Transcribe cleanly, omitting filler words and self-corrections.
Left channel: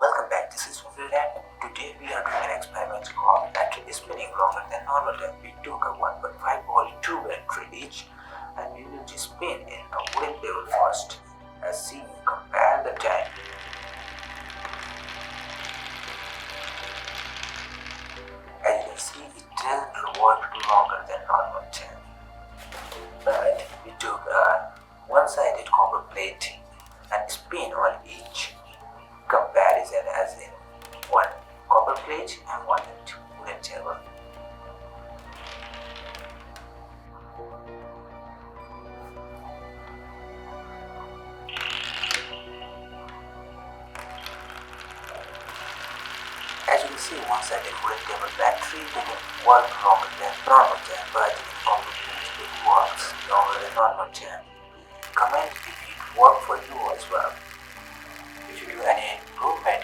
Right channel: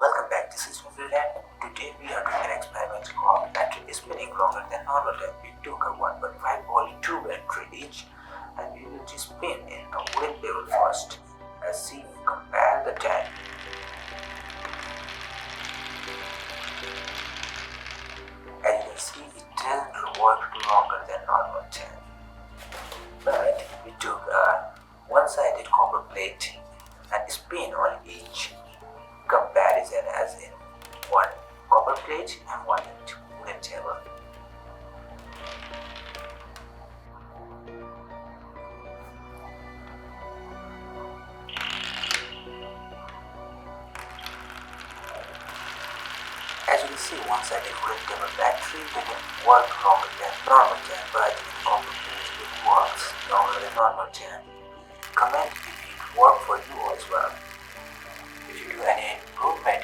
Welcome back, this is Vivian. Today we are doing an experiment called battery spinning longer than normal time. We took a 1.5 volt 2 battery each and we will just spin in a windmill first. As seen, compare the time. As you can see, it doesn't work longer than normal time. But we took a one-sided copper plate and spin on each. Comparison as in one copper plate and one wooden table. As you can see, one-sided wooden table battery didn't work longer than normal time, but copper plate it works longer than normal time. Comment if it worked for you as well. If you do any improvement